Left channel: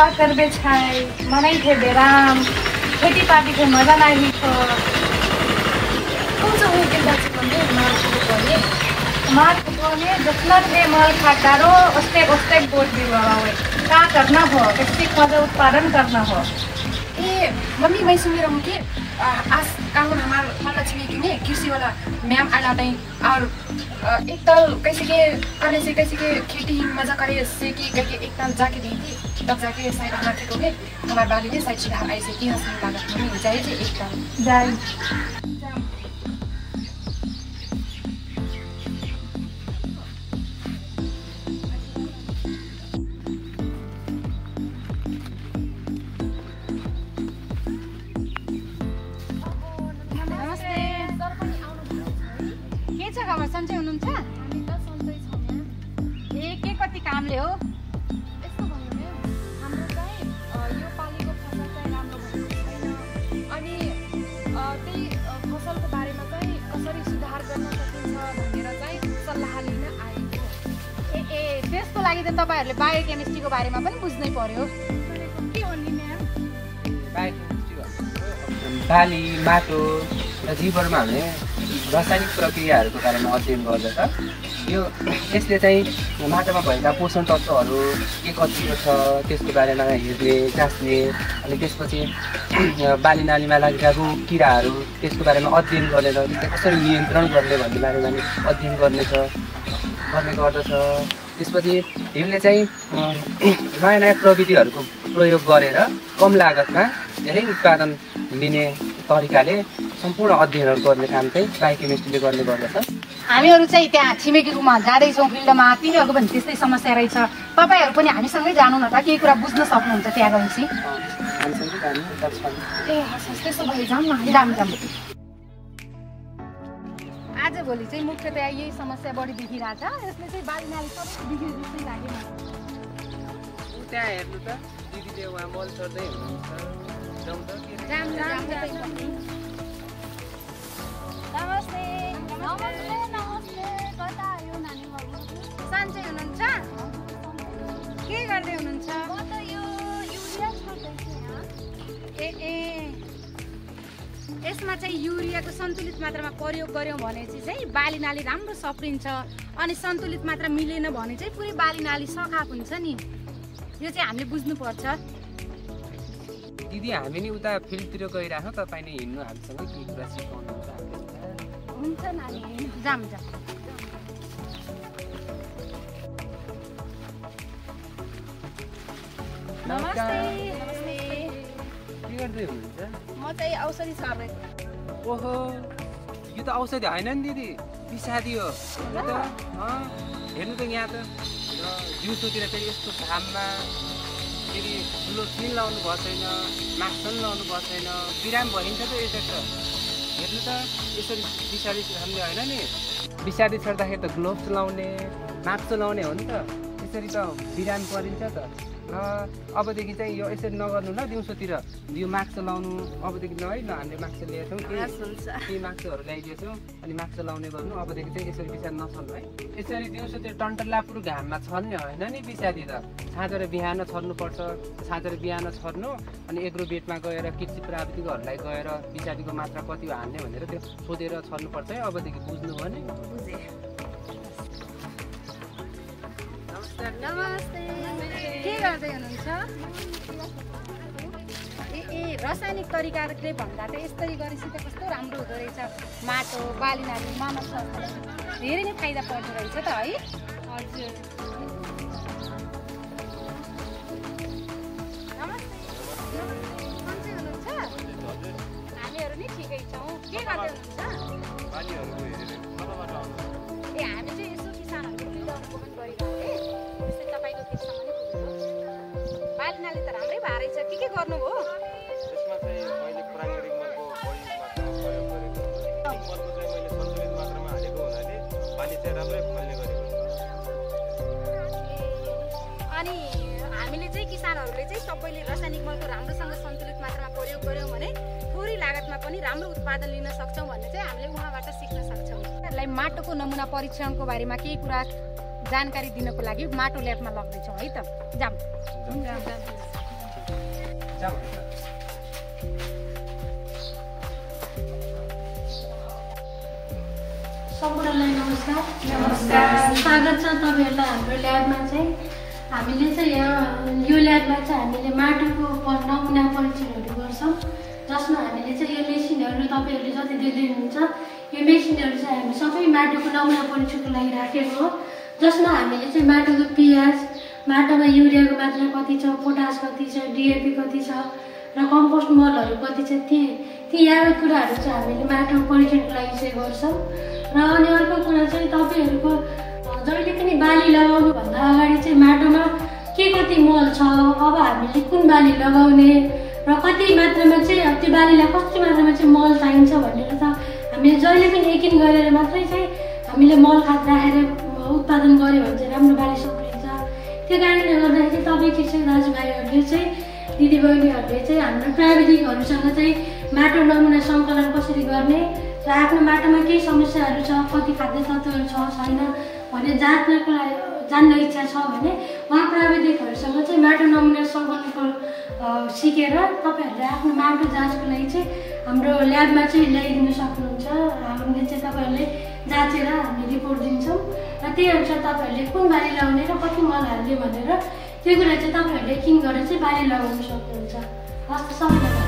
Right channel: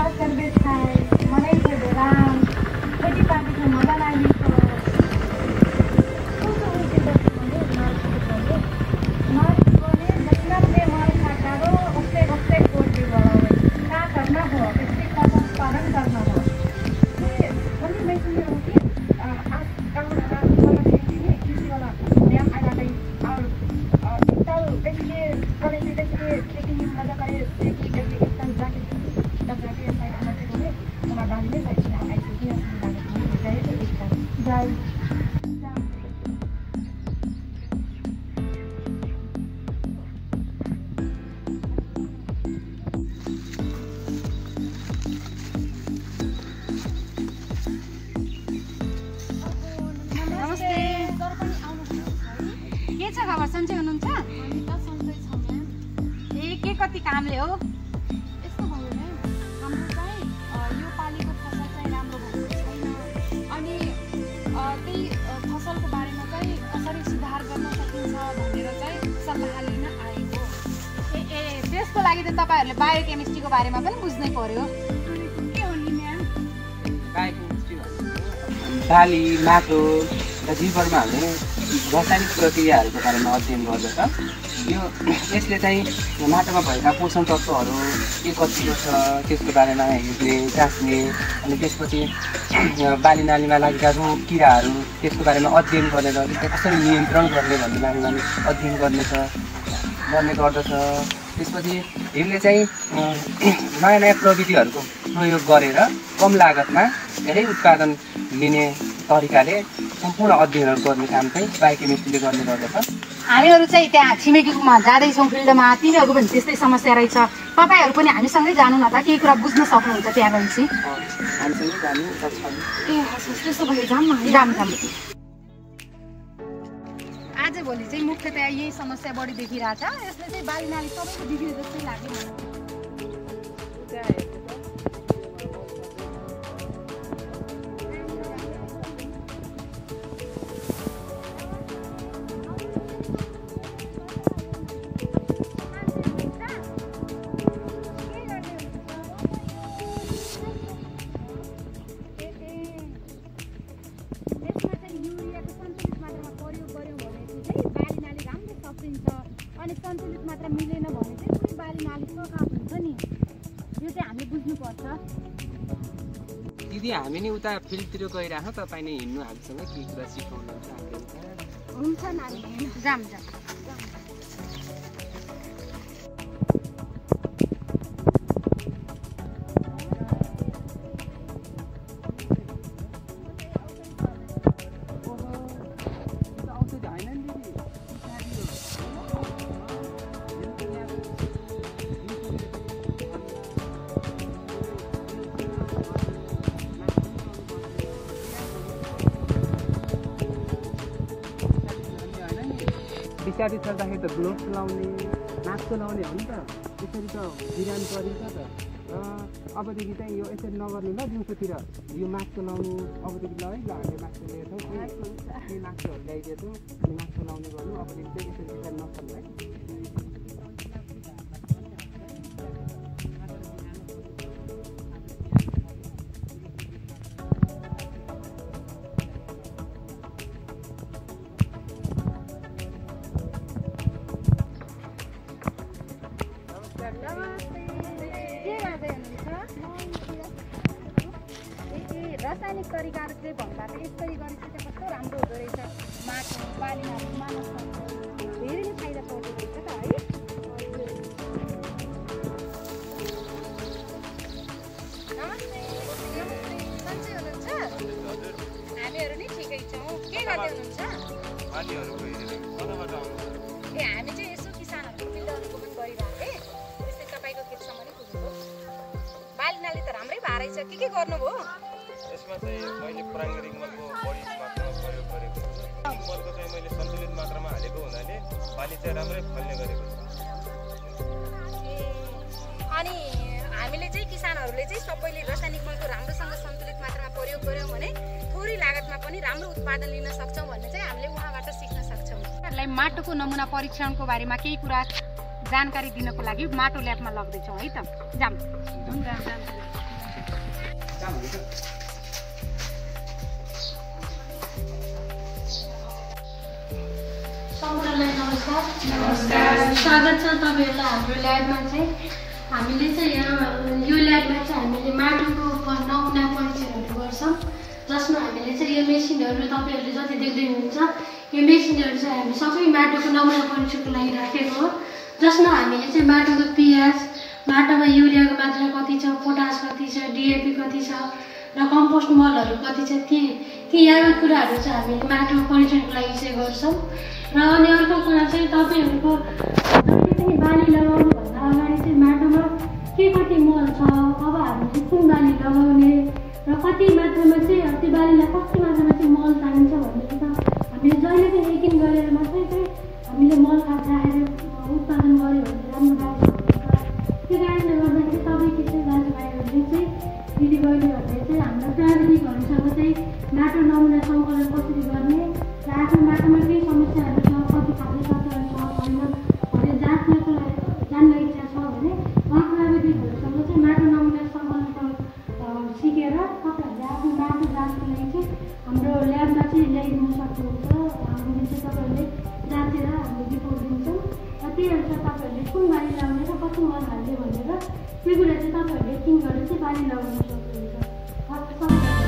का करबे छै मनै थे बेराम खेती पाती के मजा नहीं लिखो कुछ हो के दस में मार ने जितना थे मल खाटारो उसते बोल दिवा हुए का करना हो कैसे खाद्य उत्पादन करना हो ए मम्मी मैं सुन रहा हूँ कि आज काम हमारा वाला छिपी ने कृषि वाला मैम आला नहीं और एक तल कैसे के करे से कैसे के खेती मजा करे से कि एक तल जाके देखी तब जाके साइड हाथ को में हमारे बाली में साइड सीधा ऐसे कि हंस लागत मम्मी जाए जे एक तल जाए कामले हो यस्तो भयो नि हाम्रो चाहिँ यो पालीको फसल चाहिँ राम्रो भएको छैन अनि त्यही फसलको बारेमा चाहिँ कसरी सुधार गर्न सकिन्छ भनेर चाहिँ सल्लाह लिन आएको ए त्यसको लागि त तपाईहरुले बायोकेमिस्ट्रीको बारेमा पनि बुझ्नै पर्यो के हो नि म्याम बायोकेमिस्ट्री भनेको बाली माटो र जीवनमा हुने रासायनिक प्रक्रियाहरूको बारेमा अध्ययन गर्दछ यो यसले चाहिँ माटोमा भएका पोषण तत्त्वहरू के कतिको छ त्यसको बारेमा हेर्ने जाँच्ने अनि त्यसपछि बाली नालीमा लागेका रोग किराहरू त्यसको बारेमा अध्ययन गरेर त्यसलाई कसरी नियन्त्रण गर्ने भन्ने बारेमा अध्ययन गर्ने गर्दछ त्यसपछि यसले चाहिँ नयाँ नयाँ प्रविधिहरूको प्रयोग गरेर कम लागतमा धेरै उत्पादन लिने तरिकाले सम्पूर्ण अध्ययनहरू गर्ने काम चाहिँ बायोकेमिस्ट्रीले गर्ने गर्दछ हामीहरू चाहिँ त्यहाँ छिमेकीकोमा जाँदैछौँ फिल्डमा तिनीहरूको पनि त्यस्तै समस्या रहेछ तपाईहरु पनि हामीसँगै जानु न त केही कुरा बुझ्न सक्नुहुन्छ त्यहाँ रहेछि त्यसो भए जाऊँ न जाम आजभोलि चाहिँ मुख्यतया यही समस्या बढी देखिरहेछ यसले चाहिँ बाली नाली सबै बिग्रे जस्तै लाग्यो मलाई त्यहाँ हेर्नु त दिदीले उहाँ मल चढ्दै यसमा चाहिँ युरियाको सन्तुलित मात्रामा प्रयोग गर्यौं भने चाहिँ बाली नाली राम्रो सप्रिन्छ अनि सन्तुलित मात्रा मिलेन भने चाहिँ पुरै बाली नाली सखाप हुन्छ नि यो चाहिँ हामीले बुझ्नु पर्छ दिदी हामी नि उता फिल्डतिर गइराखौँ तपाईले हिँड्नु हामीसँग के कुरा सिकाउनुहुन्छ हुन्छ नानी जाम नमस्ते के गर्दै हुनुहुन्छ म चाहिँ औषधि छापेको ओहो यो त औषधि होइन नि दिदी पिसादी हो हेर्नु त यहाँ त दिउँसोतिर फेरि यस्तो घाममा फेरि ठुलो फिल लाउनु भएको छैन मास्क पनि लाउनु भएको छैन बिराम भइन्छ त यता त हेर्नु त यसरी पिसादी छर्ने होइन नि पिसादी छर्दाखेरि त ग्लोभ्स लाउने मास्क लाउने हो नि त यसरी त बिराम परिन्छ त अबदेखि चाहिँ यो यसरी नगर्नु ल दिउँसोतिर यो मास्क लाउनु अबदेखि ल है ल हामीले मास्क ल्याएछौँ केही मास्कहरू ल्याइदिएछौँ अनि मास्क लाउने गर्नु अबदेखि चाहिँ यसरी पिसादी नछर्नु है यसरी दिउँसोतिर टन्टलापुर घाममा छर्ने होइन नि पिसादी त साँझेर बिहान छर्नुपर्छ साँझेर बिहान छर्नु अनि एग्रो बेडमा गएर कृषि प्राविधिकहरूलाई गएर पिसादीको मात्रा कति हो हान्ने भनेर त्यो सोधेर छर्नुपर्छ है अबदेखि बुझ्नुभयो नि के गर्दै हुनुहुन्छ ए रासायनिक तरिकाले भन्दा त यसरी गरेपछि त कस्तो राम्रो हुँदो रहेछ माटो बाली नाली मानव स्वास्थ्यलाई धेरै नै फाइदा पर्दो रहेछ त है हजुर नमस्ते सन्चै हुनुहुन्छ हामीहरू नि ठिकै छौँ के गर्दै हुनुहुन्छ बालीहरूको हेरेर कताबाट आउनु ए हामी चाहिँ यसो किसानहरूको फिल्ड अनुगमन गरिरहेको थिएँ त्यस्तै तपाईँको खेतसम्म नै पुग्नुभयो बाली नाली त राम्रै भए रहेछ के गर्नुभयो यसमा चाहिँ मैले प्राङ्गारिक मलको बढी मात्रामा प्रयोग गरेको छु मलको चाहिँ मैले सन्तुलित मात्रामा हालेको हुनाले बाली चाहिँ राम्रै फल्ने गरेको छु अनि हामीले चाहिँ किसानहरूले चाहिँ सबैले रासायनिक मलको राम्रोसँग सन्तुलित मात्रामा प्रयोग गर्यौँ भने थोरै लागतमा पनि राम्रो उत्पादन लिन सक्छौँ भन्ने चाहिँ हामीले उहाँबाट सिक्न सक्छौँ माटोको नमुना परीक्षणको बारेमा केही कुरा जानकारी दिनको लागि माटो ल्याबमा लग्दैछौँ है त जाम कहाँ हुन्छ सम्पूर्णलाई नमस्कार। स्वागत छ तपाईँहरूलाई हाम्रो ल्याबमा चाहिँ। हामीले चाहिँ यहाँ यो ल्याबमा चाहिँ हामीले माटोको नमुना परीक्षणहरू गर्छौँ, जसमा हामीले चाहिँ यो मेसिनहरू तपाईँहरूले जति देख्दै हुनुहुन्छ यो मेसिनहरू चाहिँ हामी सबै माटोको नमुना परीक्षणको लागि राखेको हो, जसमा हामीले चाहिँ माटोको पिएच, माटोमा युरियाको मात्रा कति छ, पोटास कति छ, डिएपी कति छ र कम्पोस्ट मलहरू कति छ, ती यावत कुराहरू चाहिँ हामीले माटोको परीक्षणको लागि चाहिँ गर्छौँ। र अनि अर्को कुरा चाहिँ तपाईँहरूको जहिले पनि बाली लगाउनुभन्दा अगाडि चाहिँ माटोमा के कति मल छ, अब हामीले कुन बाली लगाउने र कति मात्रामा चाहिँ त्यो बालीलाई कति मात्रामा चाहिँ मल चाहिन्छ भनेर त हामीले जहिले पनि यकिन गरेर मात्रै चाहिँ हामीले मल खाद राखेर उत्पादन गऱ्यो भने चाहिँ राम्रो बाली सप्रिन्छ। त्यो कारणले गर्दाखेरि तपाईँको चाहिँ दाजुभाइहरूले चाहिँ दिदीबहिनीहरूले चाहिँ हाम्रो प्राविधिकहरूसँग चाहिँ माटो नमुना सङ्कलन कसरी गर्ने र आफ्नो माटोमा केही समस्याहरू छ, कति खाद्य तत्त्वहरू छ छैन भनेर जाँच्नको लागि जान्न इच्छा छ भने उहाँ प्राविधिकहरूसँग चाहिँ माटो नमुना सङ्कलनको सिकेर तपाईँहरूले आफ्नो माटो जाँचको लागि चाहिँ हाम्रो ल्याबमा चाहिँ ल्याइदिनु सक्नुहुन्छ। हामीले चाहिँ तपाईँहरूले जाँचेर हामी रिपोर्ट दिन्छौँ र त्यही अनुसार तपाईँहरूले कुन बाली लगाउने र कति मल हाल्ने भनेर त्यो कुरा चाहिँ तपाईँहरूले यकिन गरेर चाहिँ बाली लगाउनु सक्नुहुन्छ। हस् त सबैलाई